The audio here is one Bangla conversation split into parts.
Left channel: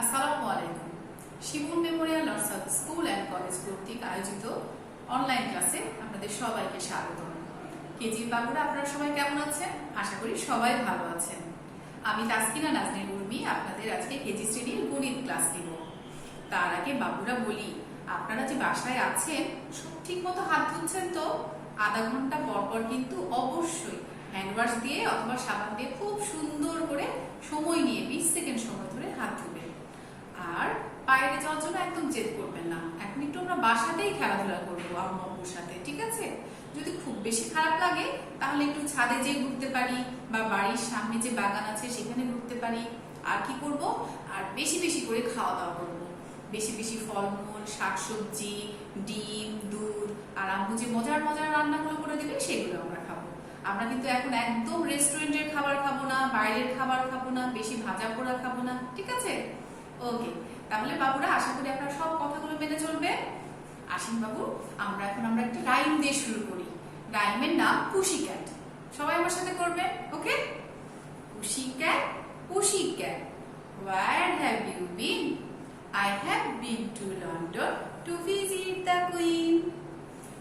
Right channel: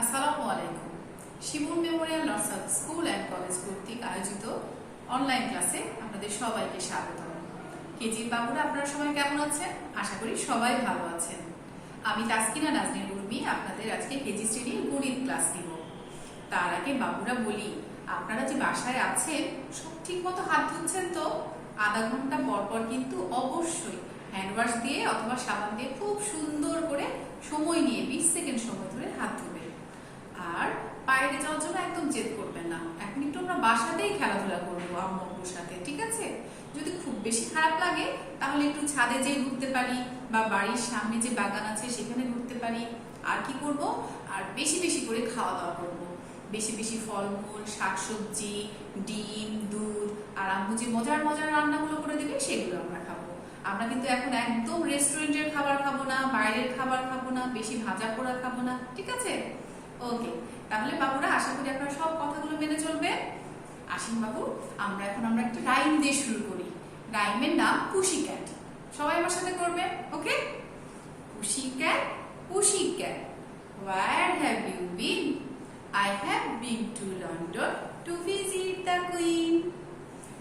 আসসালামু আলাইকুম। শিমুল মেমোরিয়াল নর্সাদ স্কুল অ্যান্ড কলেজ কর্তৃক আয়োজিত অনলাইন ক্লাসে আপনাদের সবাইকে স্বাগত। কেজি বাবুরা, আপনারা সবাই কেমন আছেন? আশা করি সবাই ভালো আছেন। আমি তাসকিনা নাজনীন উর্মি আপনাদের আজকে কেজি শ্রেণীর গণিত ক্লাস নিব। তার আগে বাবুরা বলি, আপনারা যে বাসায় আছেন সব ঠিক মতো হাত ধুচ্ছেন তো? আধা ঘন্টা পর পর কিন্তু অবশ্যই হ্যান্ড ওয়াশ দিয়ে অথবা সাবান দিয়ে খুব সুন্দর করে সময় নিয়ে 20 সেকেন্ড সময় ধরে হাত ধুবেন। আর বাইরে যাওয়ার জন্য একদম জেদ করবেন না। এখন একটু আমরা বাসাতেই খেলাধুলা করবো আম্মু আব্বুর সাথে, ঠিক আছে? যদি খুব বেশি খারাপ লাগে তাহলে একটু ছাদে যেয়ে ঘুরতে পারি বা বাড়ির সামনে যে বাগান আছে সেখানে ঘুরতে পারি। আর কি করব? আর বেশি বেশি করে খাওয়া দাওয়া করবো। বেশি বেশি ফলমূল, শাকসবজি, ডিম, দুধ আর আম্মু যে মজার মজার রান্নাগুলো করে দিবে সেগুলো আমরা খাবো। আমরা কিন্তু এখন একদম রেস্টুরেন্টের খাবার খাবো না, বাইরের খাবার খাবো না, বেশি ভাজা পোড়া খাবো না, ঠিক আছে? ওকে, তাহলে বাবুরা আশা করি আপনারা সব কথাগুলো মেনে চলবে। আসেন বাবু, আমরা একটা রাইম দিয়ে শুরু করি। রাইমের নাম পুশি ক্যাট। সবাই আমার সাথে করবে, okay? Pussy cat, pussy cat, where have you been? I have been to London to visit the Queen.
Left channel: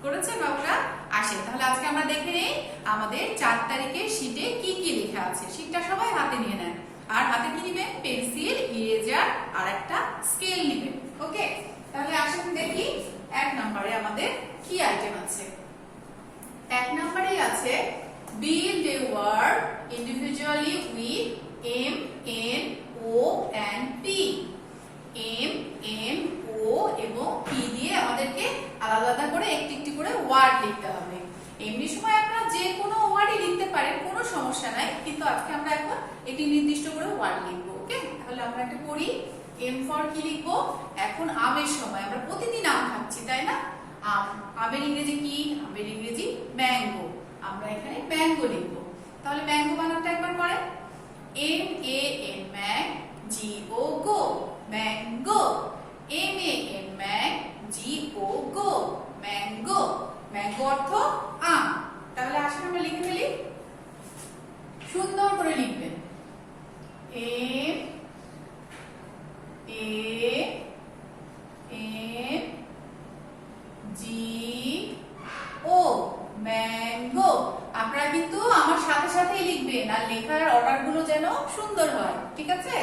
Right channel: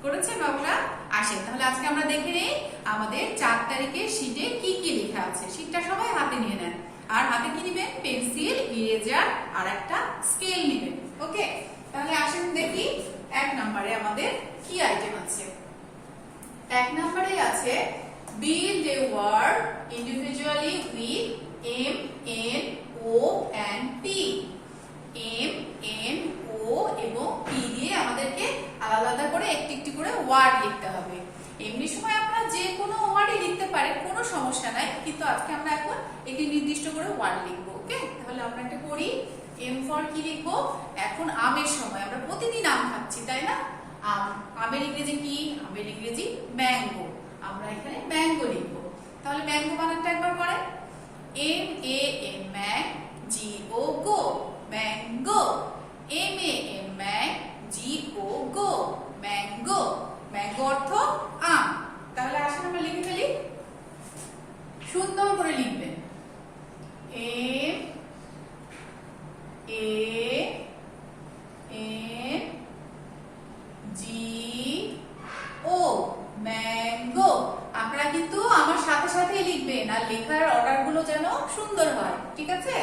করেছেন বাবুরা? আসেন তাহলে আজকে আমরা দেখে নেই আমাদের 4 তারিখের শীটে কি কি লেখা আছে। শীটটা সবাই হাতে নিয়ে নেন। আর হাতে কি নিবেন? পেন্সিল, ইরেজার আর একটা স্কেল নিবেন, ওকে? তাহলে আসেন দেখি 1 নম্বরে আমাদের কি আইটেম আছে। 1 নম্বরে আছে build a word individually with M, N, O and P. M, N, O এবং P দিয়ে আমাদেরকে আলাদা আলাদা করে একটি একটি করে ওয়ার্ড লিখতে হবে। এমনি সময় আপনারা যে কোনো ওয়ার্ডই লিখতে পারেন, কোনো সমস্যা নাই, কিন্তু আজকে আমরা এখন একটি নির্দিষ্ট করে ওয়ার্ড লিখবো, ওকে? তাহলে আমরা একটা পড়ি। এম ফর কি লিখবো? এখন আমের সময় আমরা প্রতিদিন আম খাচ্ছি, তাই না? আম, আমের ইংরেজি কি? আমের ইংরেজি ম্যাঙ্গো। আমরা এখানে ম্যাঙ্গো লিখবো। তাহলে ম্যাঙ্গো বানানটা একবার করেন। M A N Mang, G O go, mango. M A N Mang, G O go, mango. Mango অর্থ আম। তাহলে আসুন আমরা লিখে ফেলি। সুন্দর করে লিখবেন। M A N G O mango. আপনারা কিন্তু আমার সাথে সাথেই লিখবেন, আর লেখার অর্ডার গুলো যেন সুন্দর হয়, ঠিক আছে?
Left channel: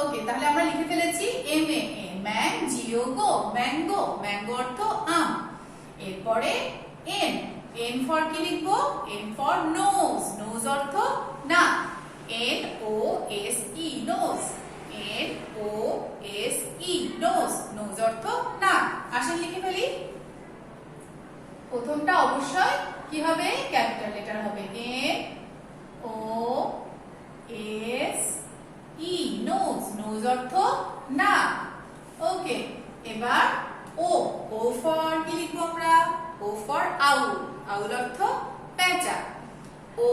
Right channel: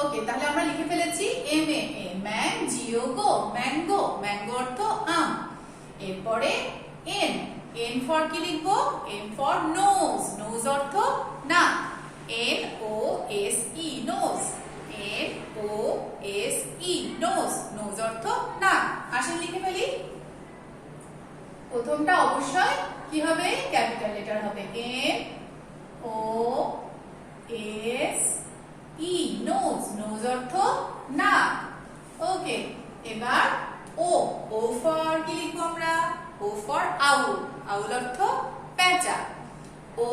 ওকে, তাহলে আমরা লিখে ফেলেছি M A N Mang, G O go, mango. Mango অর্থ আম। এরপরে N, N ফর কি লিখবো? N for nose. নোজ অর্থ নাক। N O S E nose. N O S E nose. Nose অর্থ নাক। আসেন লিখে ফেলি। প্রথমটা অবশ্যই কি হবে? ক্যাপিটাল লেটার হবে। N O S E nose. Nose অর্থ নাক, ওকে? এবার ও, ও ফর কি লিখবো আমরা? ও ফর আউল। আউল অর্থ পেঁচা। O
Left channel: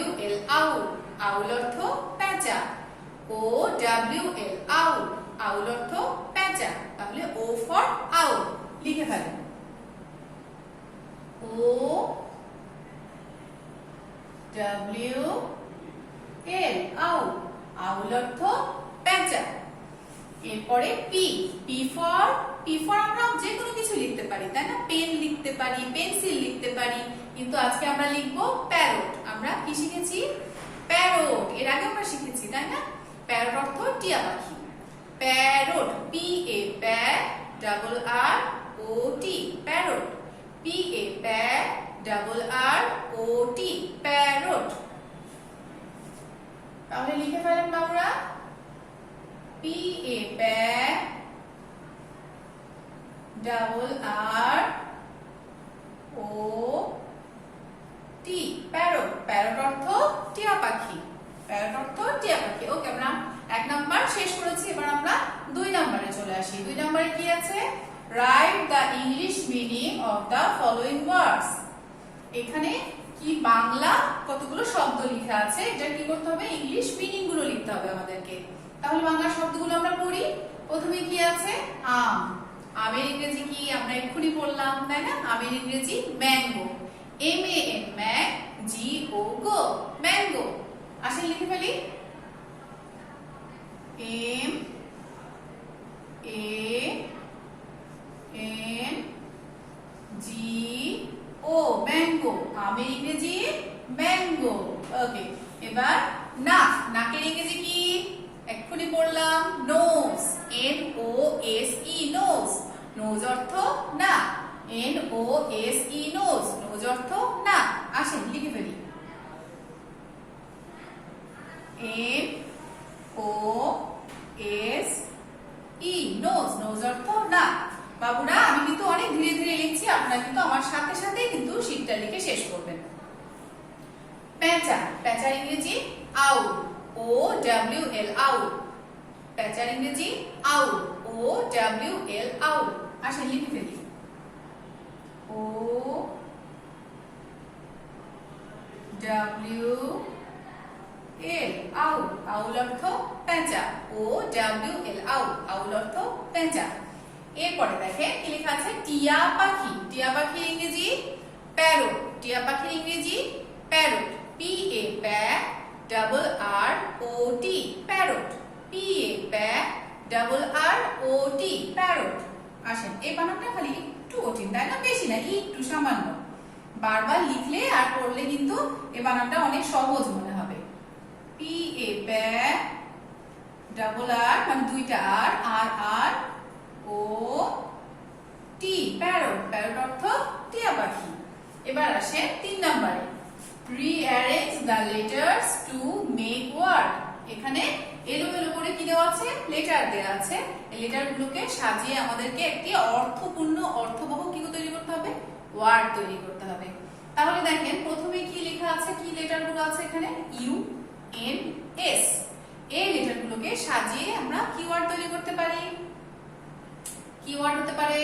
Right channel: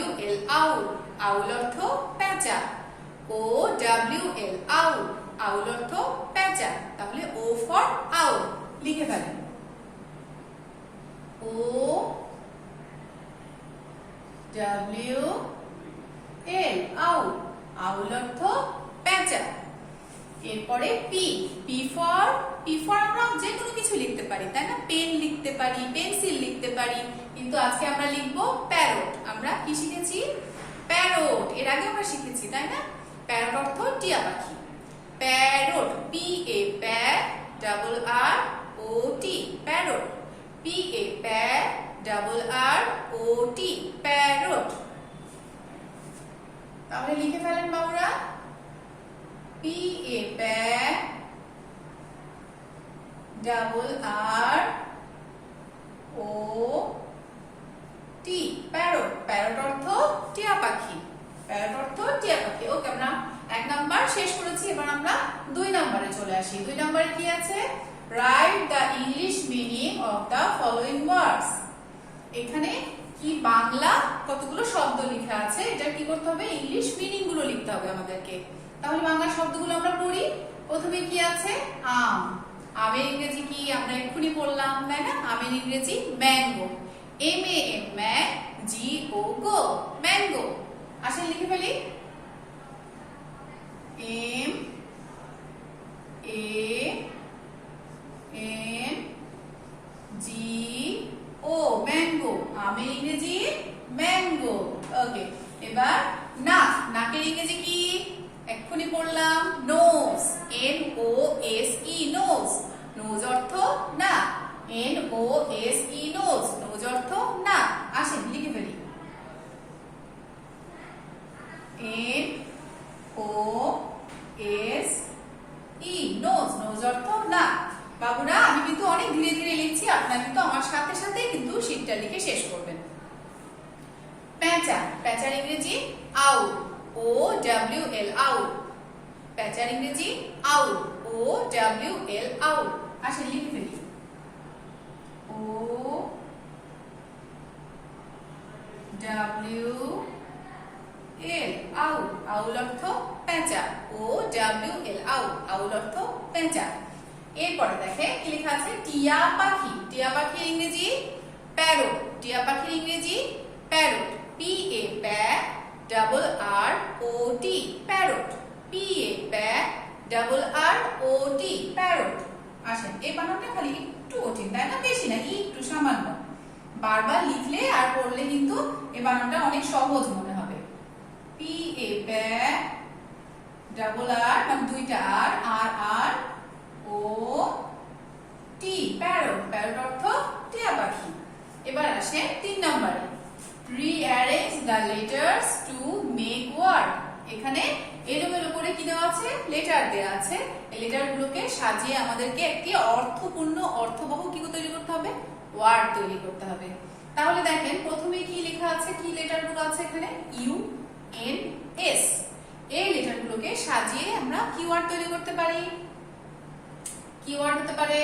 W L আউল। আউল অর্থ পেঁচা। O W L আউল। আউল অর্থ পেঁচা। তাহলে ও ফর আউল লিখে ফেলেন। O W L আউল। আউল অর্থ পেঁচা। এরপরে পি, পি ফর আমরা যে কোনো কিছু লিখতে পারি, তাই না? পেন লিখতে পারি, পেন্সিল লিখতে পারি, কিন্তু আজকে আমরা লিখবো প্যারট। আমরা কি শিখেছি? প্যারট। এর আগে আমরা শিখেছি, তাই না? প্যারট অর্থ টিয়া পাখি। Parrot, P A Pyaar, double R O T, parrot. P A Pyaar, double R O T, parrot. তাহলে লিখে ফেলেন বাবুরা। P A Pyaar, double R O T, parrot. Parrot অর্থ টিয়া পাখি। প্যারট অর্থ টিয়া পাখি। ওকে, আমরা 1 নাম্বার শেষ করেছি। এবার আমরা 2 নম্বরে চলে আসি। 2 নম্বরে কি আছে? Write the English meaning of the following ওয়ার্ডস। এখানে কি বাংলা কতগুলো শব্দ লেখা আছে, এটা কি করতে হবে? ইংলিশ মিনিং গুলো লিখতে হবে আমাদেরকে। তাহলে বাংলা শব্দগুলো আমরা পড়ি। প্রথমে কি আছে? আম। আমের ইংরেজি কি? আমরা এক্ষুনি বললাম, তাই না? আমের ইংরেজি mango. M A N Mang, G O go, mango. আসেন লিখে ফেলি। M এক্ষুনি পড়লাম নোজ, NOSE নোজ। নোজ অর্থ না, NOSE নোজ, নোজ অর্থ না। আসেন লিখে ফেলি, NOSE নোজ, নোজ অর্থ না। বাবুরা আমি কিন্তু অনেক ধীরে ধীরে লিখছি, আপনারা কিন্তু আমার সাথে সাথে কিন্তু শীটটা লিখে শেষ করবেন। প্যাঁচা, প্যাঁচার ইংরেজি আউল, OWL আউল। প্যাঁচার ইংরেজি আউল, OWL আউল। আসেন লিখে ফেলি, OWL আউল, আউল অর্থ প্যাঁচা, OWL আউল, আউল অর্থ প্যাঁচা। এরপরে দেখে কি লেখা আছে, টিয়া পাখি, টিয়া পাখির ইংরেজি প্যারট, টিয়া পাখির ইংরেজি parrot, PARROT parrot, PARROT parrot. আসেন এই বানানটা খালি একটু কঠিন তাই না, বেশি না, একটু সামান্য। বারবার লিখলে আর পড়লে কিন্তু এই বানানটা অনেক সহজ মনে হবে। PARROT মানে দুইটা আর, RROT প্যারট, প্যারট অর্থ টিয়া পাখি। এবার আসে 3 নম্বরে, rearrange the letters to make word। এখানে এলোমেলো করে কি দেওয়া আছে, লেটার দেওয়া আছে। এই লেটার গুলোকে সাজিয়ে আমাদেরকে একটি অর্থপূর্ণ অর্থবহ কি তৈরি করতে হবে, ওয়ার্ড তৈরি করতে হবে। তাহলে দেখেন প্রথমে কি লেখা আছে, কি লেটার গুলো আছে এখানে, UNS। এই লেটার গুলোকে সাজিয়ে আমরা কি ওয়ার্ড তৈরি করতে পারি, কি ওয়ার্ড হতে পারে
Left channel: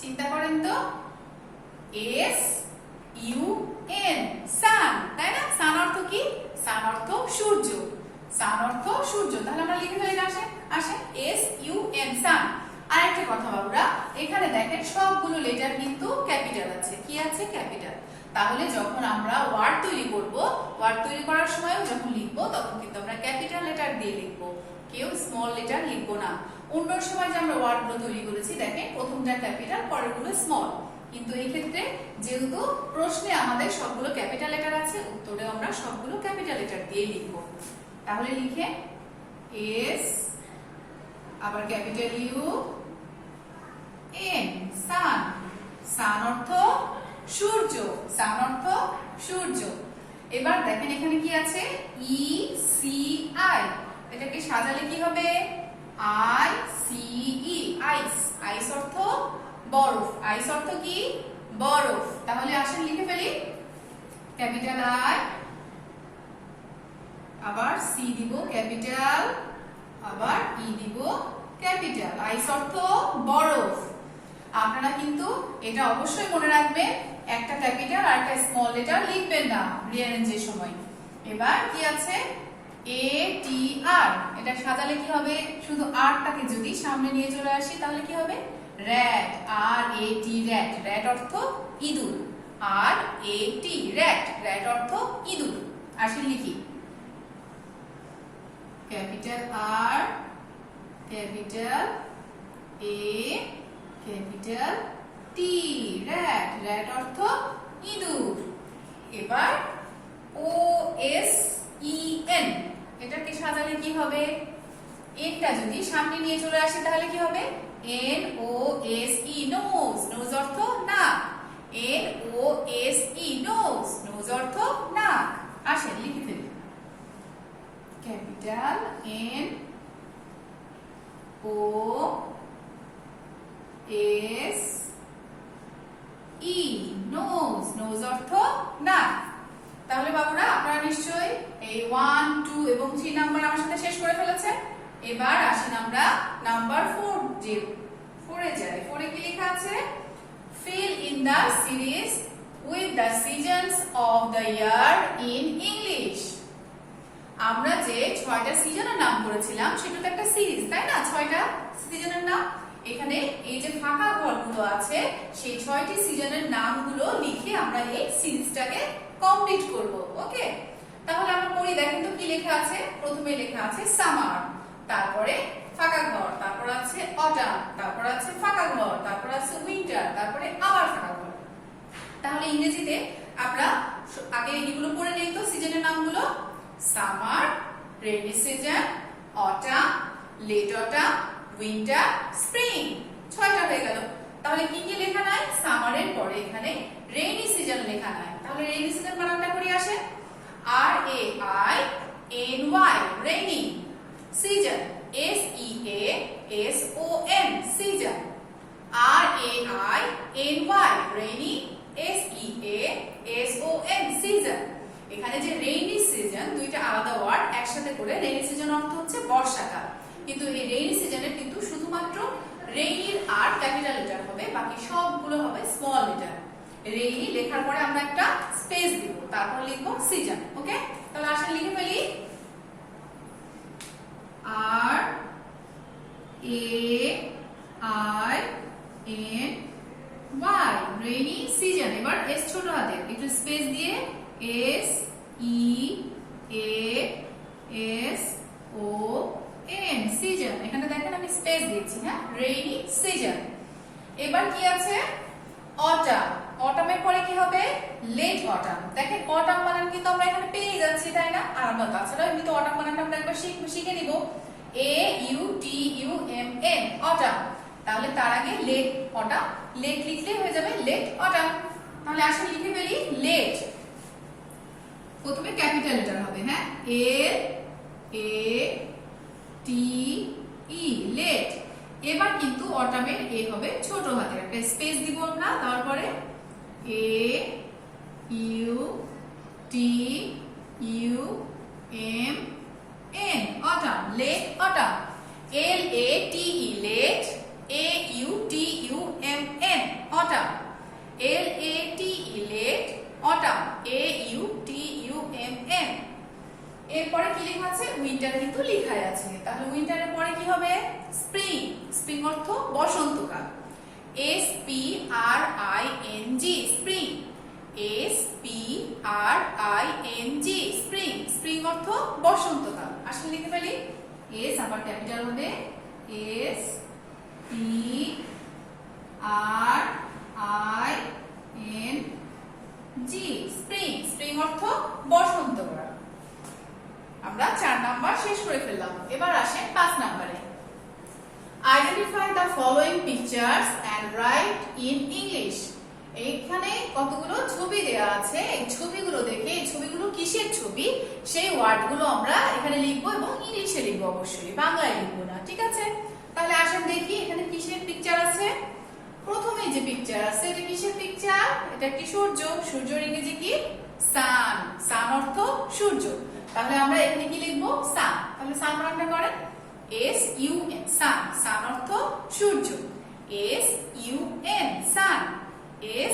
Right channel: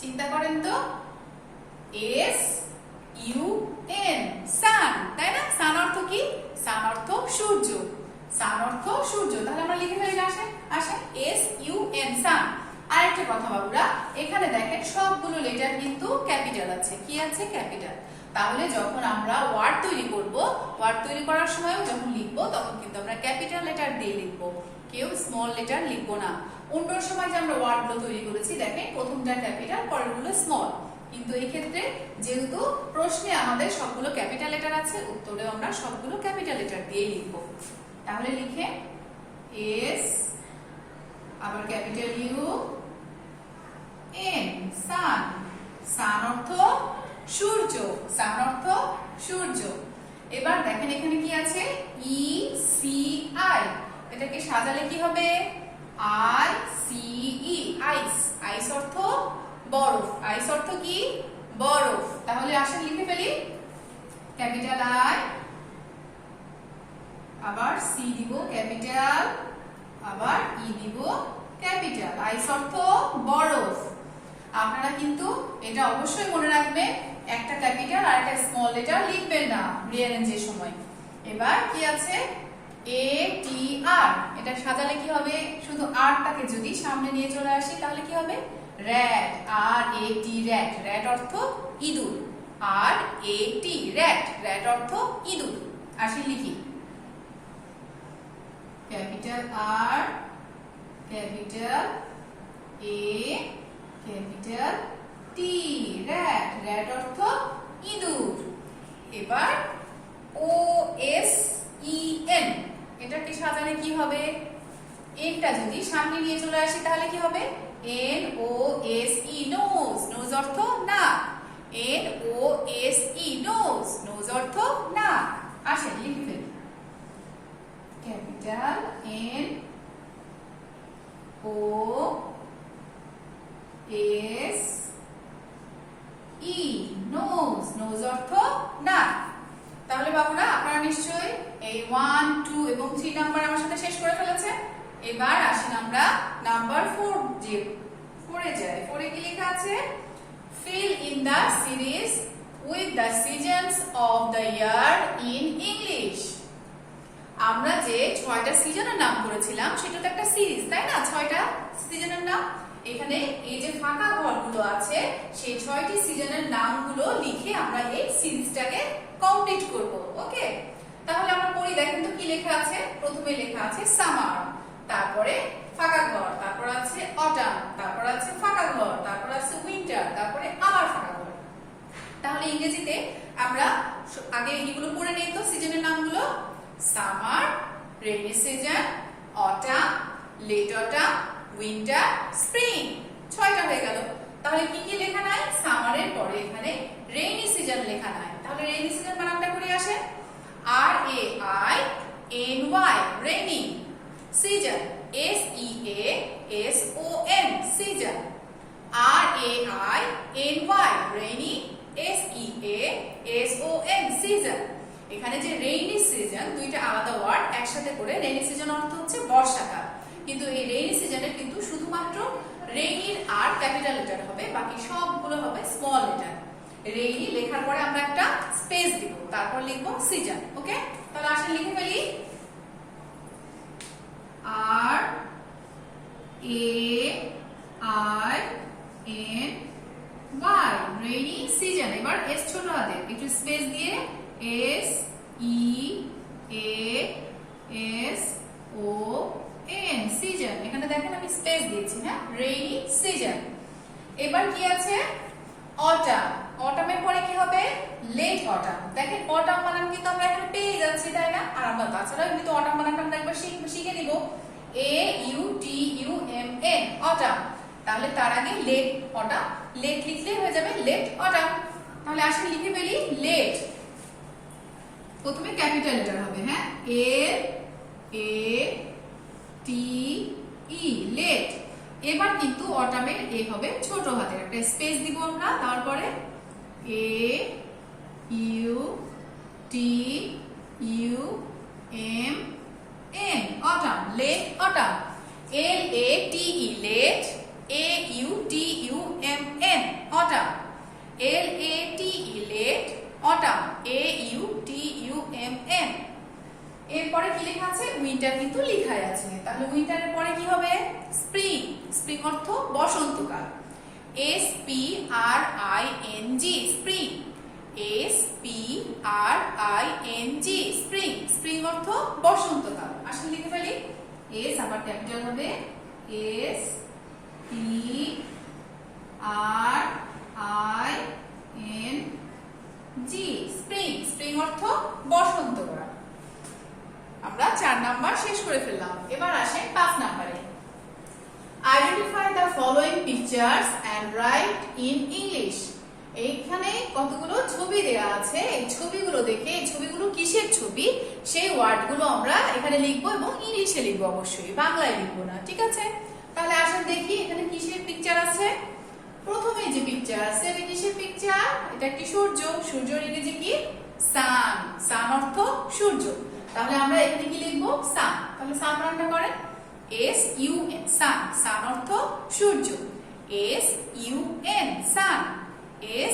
চিন্তা করেন তো, SUN সান, তাই না? সান অর্থ কি, সান অর্থ সূর্য, সান অর্থ সূর্য। তাহলে আমরা লিখে ফেলি, আসেন SUN সান। আরেকটা কথা বাবুরা, এখানে দেখেন সবগুলো লেটার কিন্তু ক্যাপিটাল আছে, কি আছে, ক্যাপিটাল। তাহলে যখন আমরা ওয়ার্ড তৈরি করব, ওয়ার্ড তৈরি করার সময়ও যখন লিখবো তখন কিন্তু আমরা ক্যাপিটাল লেটার দিয়ে লিখবো, কেউ স্মল লেটার লিখবো না। অন্য সময় যে আমরা ওয়ার্ড গুলো তৈরি করেছি দেখেন প্রথমটা ক্যাপিটাল পরেরগুলো স্মল, কিন্তু এই ক্ষেত্রে যেহেতু প্রশ্নে আমাদের সবগুলো ক্যাপিটাল লেটার আছে, উত্তরে আমরা সবগুলো ক্যাপিটাল লেটার দিয়ে লিখবো। তাহলে লিখে S, আবার ক্যাপিটাল UN সান, সান অর্থ সূর্য, সান অর্থ সূর্য। এবার দেখেন এখানে কি আছে, ECI, এটাকে সাজালে কি হবে, ICE আইস, আইস অর্থ বরফ, আইস অর্থ কি, বরফ। তাহলে আসেন লিখে ফেলি, ক্যাপিটাল I, আবার C দিব ক্যাপিটাল, আবার E দিব ক্যাপিটাল, আইস অর্থ বরফ। আপনারা কিন্তু এটা অবশ্যই মনে রাখবেন, একটা ক্যাপিটাল আর একটা স্মল লেটার লিখবেন না রিঅ্যারেঞ্জের সময়। এবার কি আছে, ATR, এটা সাজালে কি হবে, শুধু আরটাকে যদি সামনে নিয়ে চলে আসি তাহলে কি হবে, র্যাট, RAT র্যাট, র্যাট অর্থ ইঁদুর, RAT র্যাট, র্যাট অর্থ ইঁদুর। আসি লিখি, capital R, capital A, capital T rat, rat অর্থ ইঁদুর। এবার OSEN, এটাকে সাজালে কি হবে, একটা যদি সামনে নিয়ে চলে আসি তাহলে কি হবে, NOSE নোজ, নোজ অর্থ না, NOSE নোজ, নোজ অর্থ না। আসেন লিখে ফেলি, ক্যাপিটাল NOSE নোজ, নোজ অর্থ না। তাহলে বাবুরা আপনারা নিশ্চয়ই এই 1, 2 এবং 3 নাম্বার আমার সাথে শেষ করে ফেলেছেন। এবার আসেন আমরা নাম্বার 4 যে 4 এ যাই। 4 এ কি লেখা আছে, fill in the series with the seasons of the year in English। আমরা যে 6টা সিজনের নাম করেছিলাম সেটা তো একটা সিরিজ, তাই না, 6টা সিজনের নাম। এখানে এই যে ফাঁকা ঘরগুলো আছে সেই 6টি সিজনের নামগুলো লিখে আমরা এই সিরিজটাকে কমপ্লিট করব। ওকে, তাহলে আমরা পড়ি, দেখেন তো কি লেখা আছে। প্রথমে লেখা আছে সামার, তারপরে ফাঁকা ঘর, তারপর আছে অটাম, তারপর আছে ফাঁকা ঘর, তারপর আছে উইন্টার, তারপরে আবার ফাঁকা ঘর। তাহলে ইংরেজিতে আমরা আগে এইগুলো পড়ে নেই তো সিজনের নামগুলো, summer, rainy season, autumn, late autumn, winter, spring. 6টা হয়ে গেল। তাহলে কি কি লেখা নাই? সামারের পরে এখানে রেইনি সিজন লেখা নাই। তাহলে রেইনি সিজন বানানটা করে আসে RAINY, rainy. Season SEASON, season. RAINY, rainy. SEASON, season. এখানে যে রেইনি সিজন দুইটা আলাদা ওয়ার্ড একসাথে করে রেইনি সিজন অর্থ হচ্ছে বর্ষাকাল, কিন্তু এই রেইনি সিজনের কিন্তু শুধুমাত্র রেইনির আর ক্যাপিটাল লেটার হবে, বাকি সবগুলো হবে স্মল লেটার। রেইনি লেখার পরে আমরা একটা স্পেস দিব, তারপর লিখবো সিজন। ওকে, তাহলে আসলে লিখে ফেলি RAINY, রেইনি সিজন। এবার এস ছোট হাতে একটু স্পেস দিয়ে SEASON, সিজন। এখানে দেখেন আমি স্পেস দিয়েছি, হ্যাঁ, রেইনি সিজন। এবার কি আছে? অটাম। অটামের পরে কি হবে? Late autumn. দেখেন অটাম বানান কিন্তু আমরা এখানে পেয়ে যাচ্ছি, তাই না? আর আমরা তাছাড়া কিন্তু অটাম বানানটা আমরা একবার শিখে নিব। AUTUMN, autumn. তাহলে তার আগে লেট অটাম, লেট লিখলে হয়ে যাবে লেট অটাম। তাহলে আসলে লিখে ফেলি লেট। প্রথমে ক্যাপিটাল লেটার হবে, হ্যাঁ, LATE, লেট। এবার কিন্তু অটামের এ হবে ছোট হাতের, একটা স্পেস দিব আমরা, তারপরে AUTUMN, autumn, late autumn. LATE, late. AUTUMN, autumn. LATE, late autumn. AUTUMN। এরপরে কি লেখা আছে? উইন্টার কিন্তু লেখাই আছে। তাহলে উইন্টারের পরে কি হবে? স্প্রিং। স্প্রিং অর্থ বসন্তকাল। SPRING, spring. SPRING, spring. Spring অর্থ বসন্তকাল। আসলে লিখে ফেলি এস, আবার ক্যাপিটাল হবে SPRING, স্প্রিং। স্প্রিং অর্থ বসন্তকাল। আমরা 4 নাম্বার শেষ করে ফেললাম। এবার আসে 5 নম্বরে। Identify the following pictures and write in English. এইখানে কতগুলো ছবি দেয়া আছে, এই ছবিগুলো দেখে এই ছবিগুলো কিসের ছবি সেই ওয়ার্ডগুলো আমরা এখানে লিখবো এবং ইংলিশে লিখবো, অবশ্যই বাংলায় লিখবো না, ঠিক আছে? তাহলে আসেন দেখি এখানে কিসের পিকচার আছে। প্রথমে যে পিকচার আছে এটা কিসের পিকচার? এটা একটি সূর্য। সূর্যের ইংরেজি কি? সান। সান অর্থ সূর্য। তাহলে আমরা এখানে কি লিখবো? সান। তাহলে সান বানানটা করেন SUN, সান। সান অর্থ সূর্য। SUN, সান।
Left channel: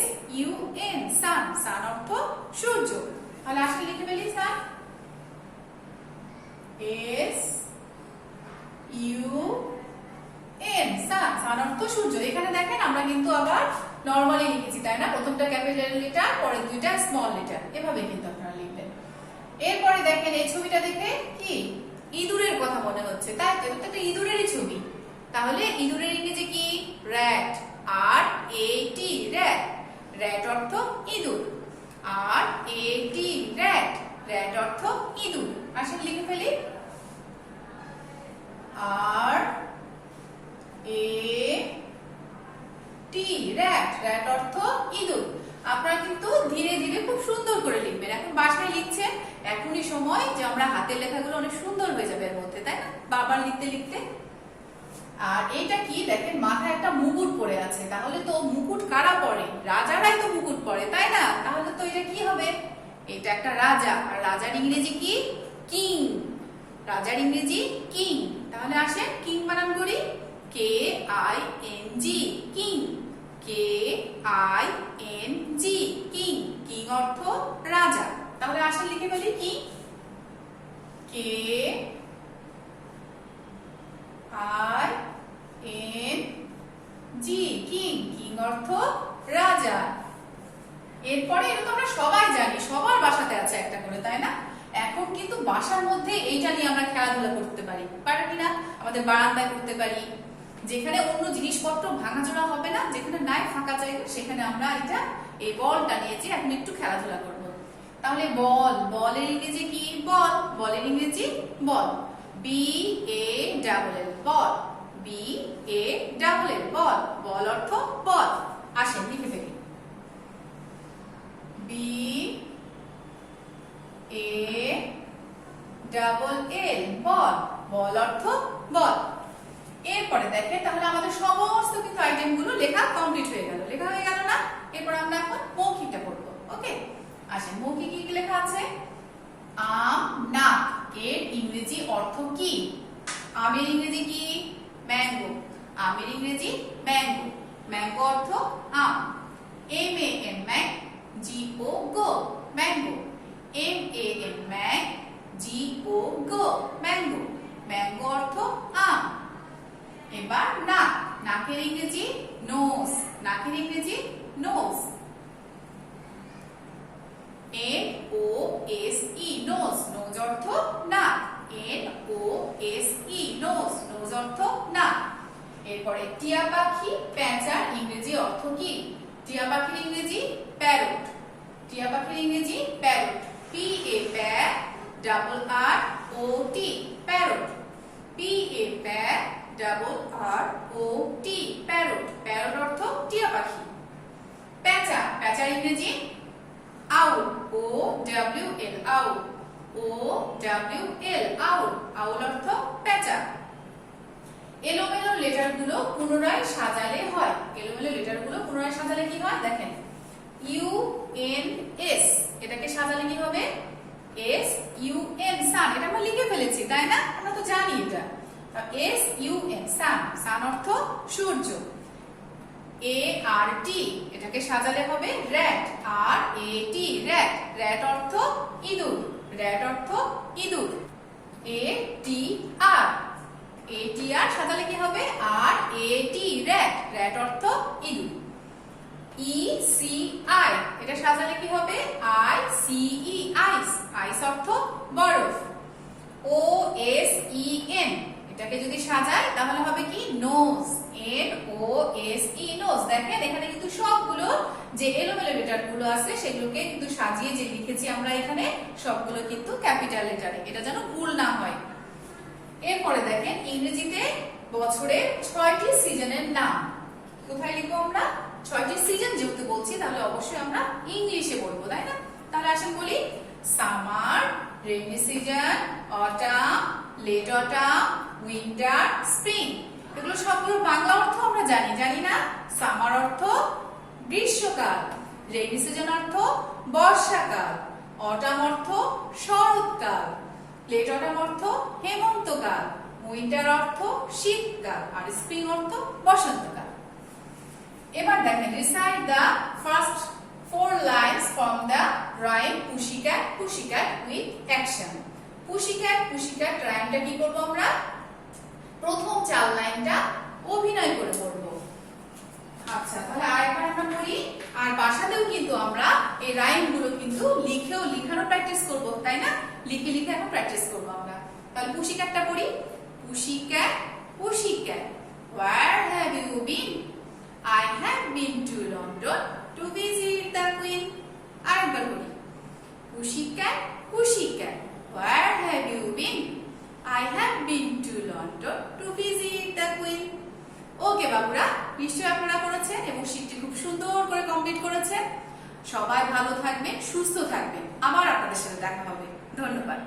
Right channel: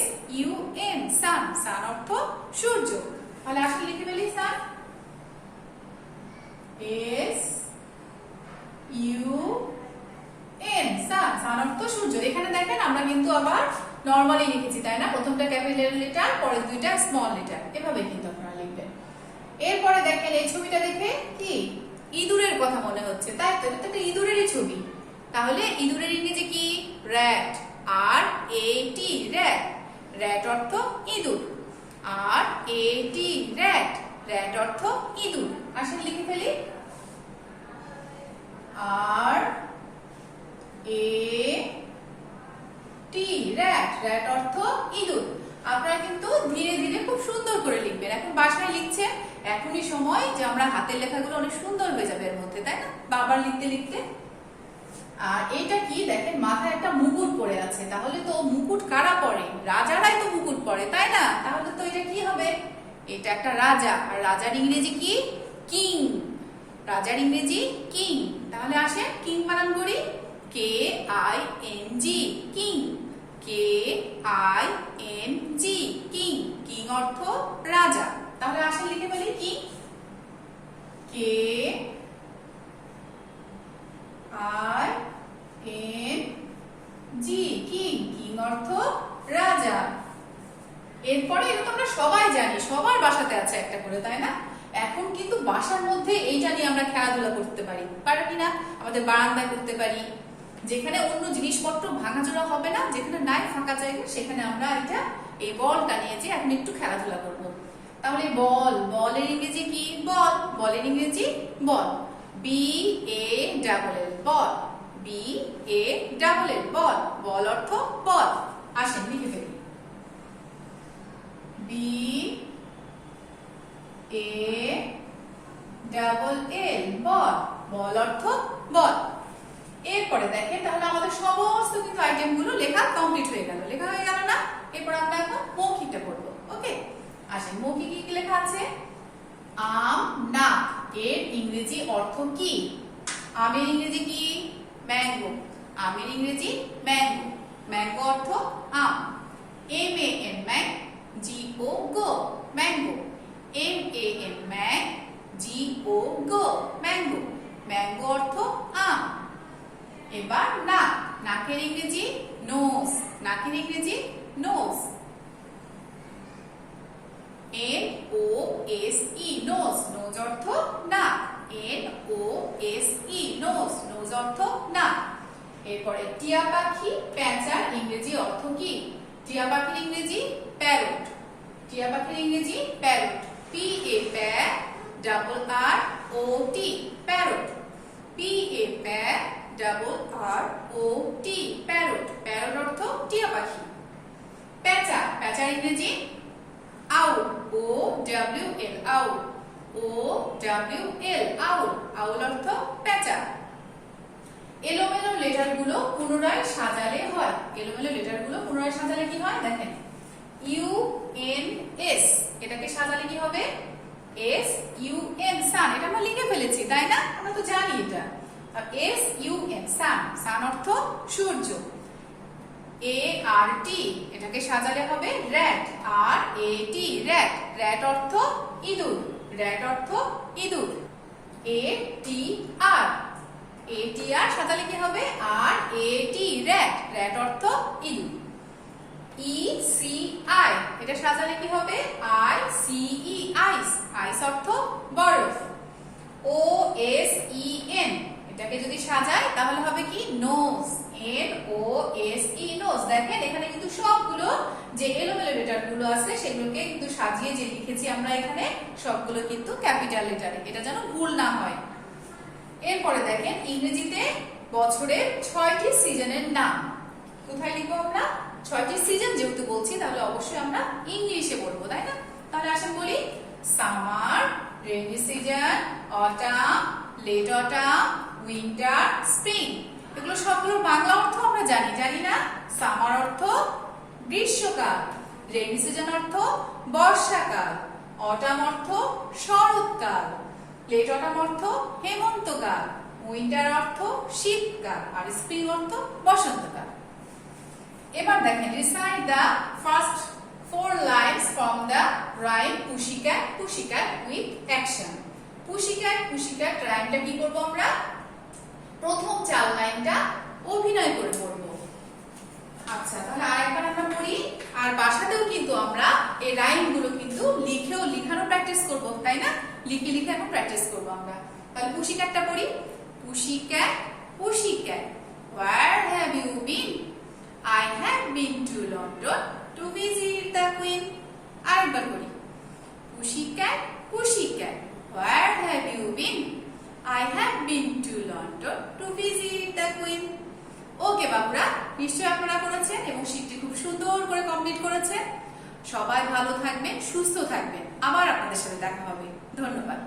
SUN, সান। সান অর্থ সূর্য। তাহলে আসলে লিখে ফেলি সান। SUN, সান। সান অর্থ সূর্য। এখানে দেখেন আমরা কিন্তু আবার নরমালি লিখেছি, তাই না? প্রথমটা ক্যাপিটাল লেটার, পরের দুইটা স্মল লেটার, এভাবে কিন্তু আপনারা লিখবেন। এরপরে দেখেন এই ছবিটা দেখে কি ইঁদুরের কথা মনে হচ্ছে, তাই তো? এটা একটা ইঁদুরেরই ছবি। তাহলে ইঁদুরের ইংরেজি কি? র্যাট। RAT, rat. র্যাট অর্থ ইঁদুর। RAT, rat. র্যাট অর্থ ইঁদুর। আসলে লিখে ফেলি RAT, র্যাট। র্যাট অর্থ ইঁদুর। আপনারা কিন্তু ধীরে ধীরে খুব সুন্দর করে লিখবেন। এখন বাসায় লিখছেন, এখনই সময় যে আমরা হাতের লেখাগুলো অনেক সুন্দর হয়ে যাবে এর মধ্যে, তাই না? বারবার লিখতে লিখতে। আর এটা কি দেখেন, মাথায় একটা মুকুট পরে আছে। তাহলে তো মুকুট কারা পরে? রাজারাই তো মুকুট পরে, তাই না? তাহলে তো এটা কি হবে? এটা একটা রাজা। আর রাজার ইংরেজি কি? কিং। রাজার ইংরেজি কিং। তাহলে আসে কিং বানান করি KING, king. KING, king. King অর্থ রাজা। তাহলে আসলে লিখে ফেলি কিং। KING, king. কিং অর্থ রাজা। এরপরে এটা তো আমরা সবাই জানি, সবার বাসাতে আছে একটা করে, তাই না? এখন কিন্তু বাসার মধ্যে এইটা নিয়ে আমরা খেলাধুলা করতে পারি, পারি কিনা? আমাদের বারান্দায় করতে পারি, যেখানে অন্য জিনিসপত্র ভাঙাচোরা হবে না, যেখানে নাই ফাঁকা জায়গা, সেখানে আমরা এটা এই বলটা নিয়ে যে এখন একটু খেলাধুলা করবো। তাহলে বল, বলের ইংরেজি কি? বল। বলের ইংরেজি বল। BALL, বল, BALL বল, বল অর্থ বল। আসেন লিখে ফেলি, BALL বল, বল অর্থ বল। এরপরে দেখেন তাহলে আমাদের সমস্ত কিন্তু আইটেম গুলো লেখা কমপ্লিট হয়ে গেল, লেখা হয়ে গেল না? এরপর আমরা এখন মৌখিকটা করব। ওকে, আসেন মৌখিক কি লেখা আছে? আম, নাক, এর ইংরেজি অর্থ কি? আমের ইংরেজি কি? ম্যাঙ্গো। আমের ইংরেজি ম্যাঙ্গো, ম্যাঙ্গো অর্থ আম। MAN ম্যাং, GO গো, ম্যাঙ্গো। MAN ম্যাং, GO গো, ম্যাঙ্গো, ম্যাঙ্গো অর্থ আম। এবার নাক, নাকের ইংরেজি নোজ, নাকের ইংরেজি নোজ। NOSE নোজ, নোজ অর্থ নাক, NOSE নোজ, নোজ অর্থ নাক। এরপরে টিয়া পাখি, প্যাঁচার ইংরেজি অর্থ কি? টিয়া পাখির ইংরেজি প্যারট, টিয়া পাখির ইংরেজি parrot, PARROT parrot, PARROT parrot, parrot অর্থ টিয়া পাখি। প্যাঁচা, প্যাঁচার ইংরেজি আউল, OWL আউল, OWL আউল, আউল অর্থ প্যাঁচা। এলোমেলো লেটার গুলো পুনরায় সাজালে হয়, এলোমেলো লেটার গুলো পুনরায় সাজালে কি হয়? দেখেন UNS, এটাকে সাজালে কি হবে? SUN সান, এটা আমরা লিখে ফেলেছি তাই না? আমরা তো জানি এটা। আর SUN সান, সান অর্থ সূর্য। ART, এটাকে সাজালে হবে র‍্যাট, RAT র‍্যাট, র‍্যাট অর্থ ইঁদুর, র‍্যাট অর্থ ইঁদুর। ATR, ATR সাজালে কি হবে? RAT র‍্যাট, র‍্যাট অর্থ ইঁদুর। ECI, এটা সাজালে কি হবে? ICE আইস, আইস অর্থ বরফ। OSEN, এটাকে যদি সাজাই তাহলে হবে কি? Nose, NOSE nose. দেখেন এখানে কিন্তু সবগুলো যে এলোমেলো লেটার গুলো আছে সেগুলোকে কিন্তু সাজিয়ে যে লিখেছি আমরা এখানে সবগুলো কিন্তু ক্যাপিটাল লেটারে, এটা যেন ভুল না হয়। এরপরে দেখেন ইংরেজিতে বছরের 6টি সিজনের নাম। কোথায় লিখবো আমরা? 6টি সিজন যেহেতু বলছি তাহলে অবশ্যই আমরা ইংলিশে বলবো তাই না? তাহলে আসেন বলি, summer, rainy season, autumn, late autumn, winter, spring. এগুলো সবগুলো বাংলা অর্থ আমরা জানি, জানি না? সামার অর্থ গ্রীষ্মকাল, রেইনি সিজন অর্থ বর্ষাকাল, অটাম অর্থ শরৎকাল, লেট অটাম অর্থ হেমন্তকাল, উইন্টার অর্থ শীতকাল, আর স্প্রিং অর্থ বসন্তকাল। এবার দেখেন recite the first 4 lines from the rhyme pussycat pussycat with action. Pussycat pussycat রাইমটা কি করব আমরা? প্রথম 4 লাইনটা অভিনয় করে পড়ব। আচ্ছা, তাহলে আরেকবার আমরা পড়ি। আর বাসাতেও কিন্তু আমরা এই রাইম গুলো কিন্তু লিখেও লিখানো প্র্যাকটিস করব তাই না? লিখে লিখে এখন প্র্যাকটিস করব আমরা। তাহলে পুশিক্যাটটা পড়ি। পুশিক্যাট পুশিক্যাট, where have you been? I have been to London to visit the Queen. আরেকবার বলি, পুশিক্যাট পুশিক্যাট, where have you been? I have been to London to visit the Queen. ওকে বাবুরা, নিশ্চয়ই আপনারা করেছেন এবং শিটটি খুব সুন্দর করে কমপ্লিট করেছেন। সবাই ভালো থাকবেন, সুস্থ থাকবেন। আবার আপনাদের সাথে দেখা হবে। ধন্যবাদ।